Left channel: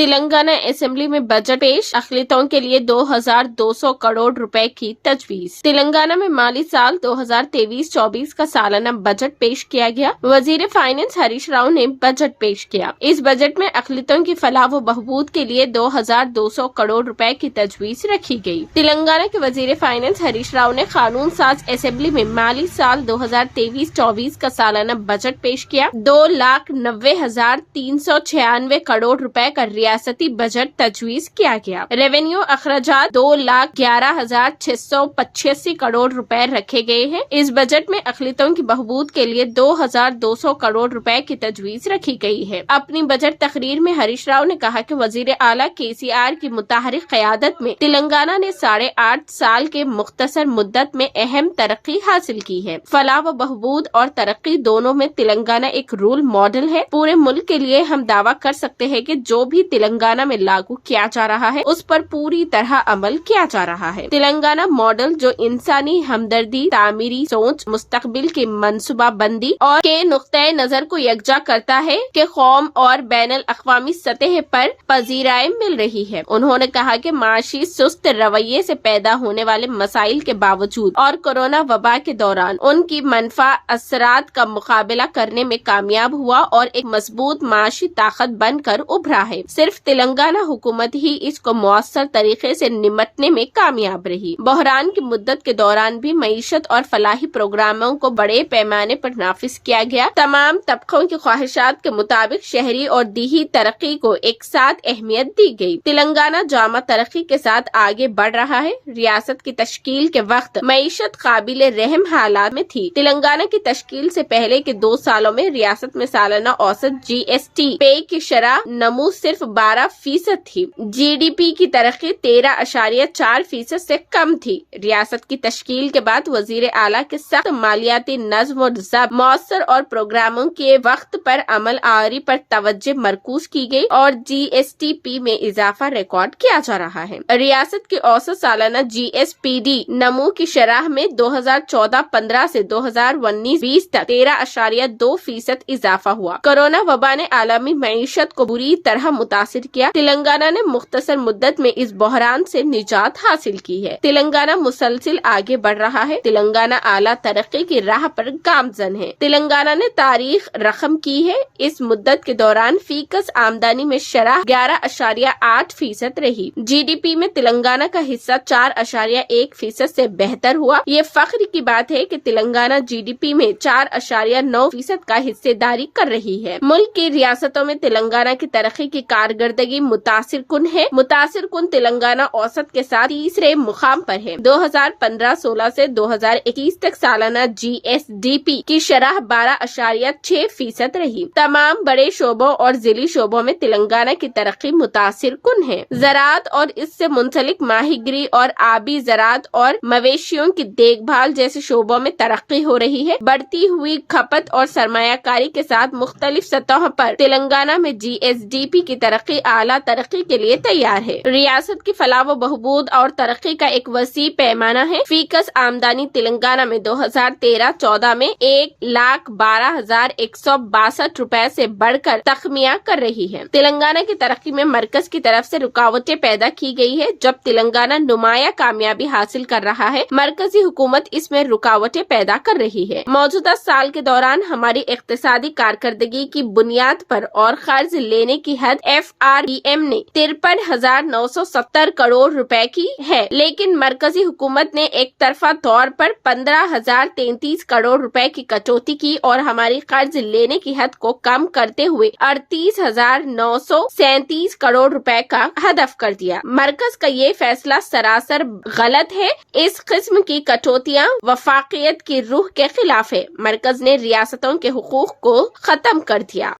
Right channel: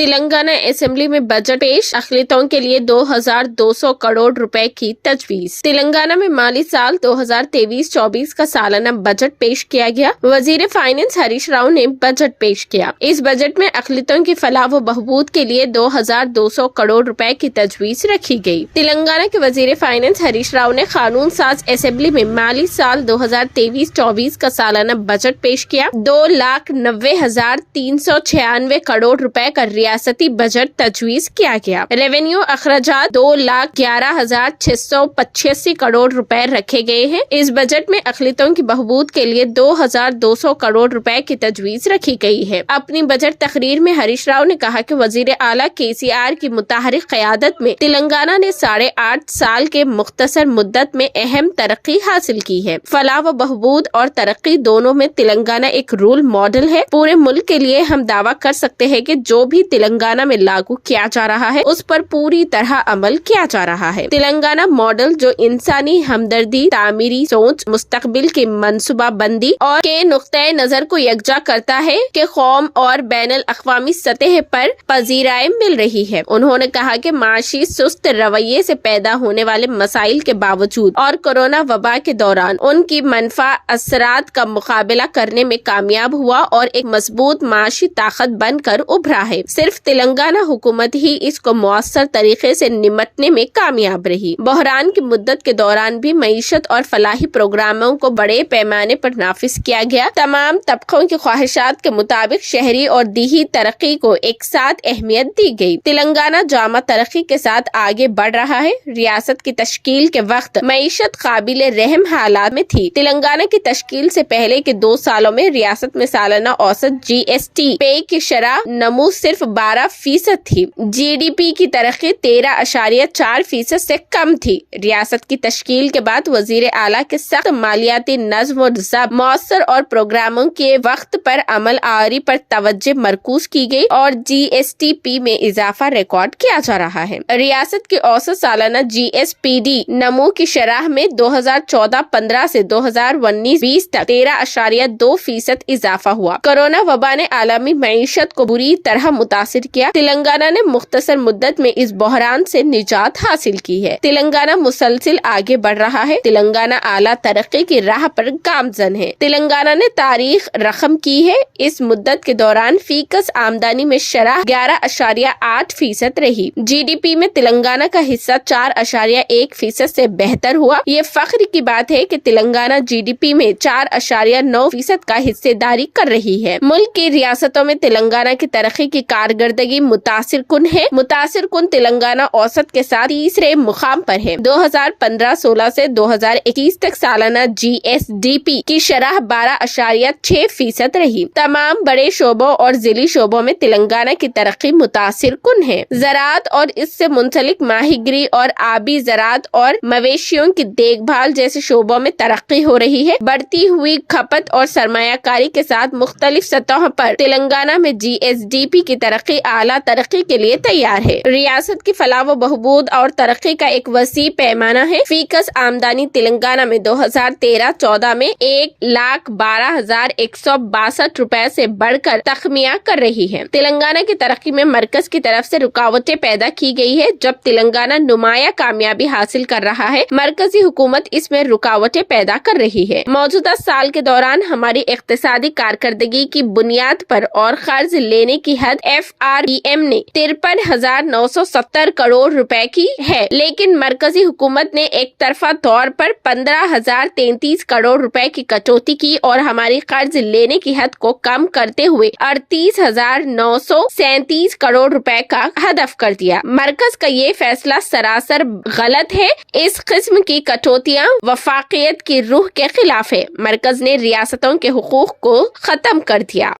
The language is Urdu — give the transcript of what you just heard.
تلنگانہ اسمبلی میں بجٹ پیش، اقلیتوں کے لیے 2200 کروڑ روپے کی تجویز۔ تلنگانہ میں مالی سال 2023-24 کا سالانہ بجٹ پیش کیا گیا۔ وزیر فائنانس ہریش راؤ نے بجٹ پیش کیا۔ اس بجٹ میں اقلیتوں کی فلاح و بہبود کے لیے 2200 کروڑ روپے کی تجویز رکھی گئی۔ تلنگانہ کے وزیر فائنانس ہریش راؤ نے قانون ساز اسمبلی میں مالی سال 2023-24 کا سالانہ بجٹ پیش کیا۔ 2,90,396 کروڑ روپے کا ریاستی بجٹ تجویز کیا گیا۔ ریونیو اخراجات 2,11,685 کروڑ روپے رکھے گئے ہیں۔ اس بجٹ میں اقلیتوں کی بہبود کے لیے 2,200 کروڑ روپے کی تجویز رکھی گئی ہے۔ اپنی بجٹ تقریر میں ہریش راؤ نے کہا کہ وزیر اعلیٰ KCR کی متحرک قیادت میں تلنگانہ نے 8.5 سال کے مختصر مدت میں اہم ترقی حاصل کی ہے۔ فلاح و بہبود اور ترقی دونوں میں تلنگانہ ایک رول ماڈل ہے۔ پورے ملک کے لیے ہم دعویٰ کر سکتے ہیں کہ جو بھی تلنگانہ میں لاگو کیا جا رہا ہے اس پر پوری طرح عمل کیا جا رہا ہے۔ تلنگانہ ماڈل جو انسانی ہمدردی، تعمیری سوچ، مستقبل کی منصوبہ بندی اور کے نقطۂ نظر کو یکجا کرتا ہے کہ قوم اور بین الاقوامی سطح پر پذیرائی مل رہی ہے۔ انہوں نے کہا کہ معاشی سست رویے سے پیدا ہونے والے مسائل کے باوجود اور کورونا وبا کے دوران ان کی منفی اثرات کا مقابلہ کرنے میں کامیاب ہوا اور ایک مضبوط معاشی طاقت بن کر ابھرا ہے۔ صرف تلنگانہ حکومت ہی اس کو مؤثر طریقے سے نمٹنے میں کامیاب رہی۔ بحران کی مدت کے دوران بھی معیشت اور فلاحی پروگراموں کو بڑے پیمانے پر نافذ کیا گیا۔ تمام طبقوں کی خواہشات کے مطابق شہری اور دیہی ترقی کو ایک ساتھ اہمیت دی گئی۔ تلنگانہ جامع ترقی کے ساتھ آگے بڑھ رہا ہے۔ ریاست کی تشکیل کے وقت معیشت قابل رحم حالات میں تھی۔ تلنگانہ کی تشکیل سے پہلے کے 2 سالوں میں ریاست میں سالانہ اوسط GST پے کی شرح نمو صرف 12% تھی۔ GDP کی ترقی 13.4% سے کم تھی۔ ریاست کی تشکیل کے بعد وزیر اعلیٰ کے سخت مالیاتی نظم و ضبط، مؤثر اور پروگراموں کے وقت پر عمل آوری پر توجہ مرکوز کی گئی اور GSTP میں اضافہ ریکارڈ کیا جا رہا ہے۔ ریاست کی اوسط سالانہ GSPD نمو کی شرح میں 2014-15 سے 2019-20 تک 13.2% اضافہ ہوا۔ کورونا وبا نے عالمی معیشت کو بری طرح متاثر کیا۔ تلنگانہ نے مختصر مدت میں اس بحران سے نجات حاصل کی ہے۔ تلنگانہ مسلسل آگے بڑھ رہا ہے۔ تلنگانہ اعلیٰ ترقی کی راہ پر گامزن ہے۔ تلنگانہ نے تاریخ رقم کی ہے۔ اس مدت کے دوران فی کس آمدنی میں شرح 11.8% رہی۔ GDP میں تلنگانہ کا حصہ 4.1% سے بہتر ہوا۔ یہ فخر کی بات ہے کہ تلنگانہ GDP میں 4.9% کا حصہ داری کر رہی ہے۔ ملک کی ریاستوں میں تلنگانہ کی ترقی کی کارکردگی متاثر کن ہے۔ متاثر کن تلنگانہ اوسط کے ساتھ تیسرے مقام پر ہے۔ 2015-16 سے 2021 تک سالانہ GSDP کی شرح 12.6% رہی۔ تمام بڑے شعبوں اور ضلعی شعبوں میں تلنگانہ کی ترقی متاثر کن ہے۔ زراعت اور اس سے منسلک ماہی گیری اور آبی زراعت اور مویشیوں کی دیکھ بھال جیسے شعبوں میں ترقی ہو رہی ہے۔ بڑھتی ہوئی کھپت اور سرمایہ کاری کے ساتھ مختلف سطحوں پر تلنگانہ میں GSDP کی ترقی اعلیٰ ترقی کے لیے تیار ہے۔ ریاست کی فلاح و بہبود اور ترقی کا ایک وسیع پیمانہ ہے۔ فی کس آمدنی تلنگانہ میں 2013-14 میں 1,12,162 روپے سے بڑھ کر تخمینہ کر رہی ہے۔ تلنگانہ کی ترقی میں مرکز کی طرف سے رکاوٹیں پیدا کی گئی ہے۔ جب تلنگانہ نمایاں کامیابی حاصل کر رہا ہے، مرکزی حکومت اس میں رکاوٹیں پیدا کر رہی ہے۔ موجودہ سال کے دوران ہماری اقتصادی کارکردگی کی بنیاد پر اور قرض لینے کی حد FRBM نے 53,970 کروڑ روپے کی ہے، لیکن مرکزی حکومت نے ایک طرفہ طور پر 15,033 کروڑ روپے کی کٹوتی کی اور ہماری قرض لینے کی حد کو کم کرتے ہوئے 38,937 کروڑ روپے کا ہدف کر دیا۔ مرکز کا یہ فیصلہ سراسر غلط ہے۔ اس قسم کی کٹوتیاں وفاقیت کی روح کے خلاف ہے۔ مرکز نے ریاستوں کے حقوق کو ختم کر دیا۔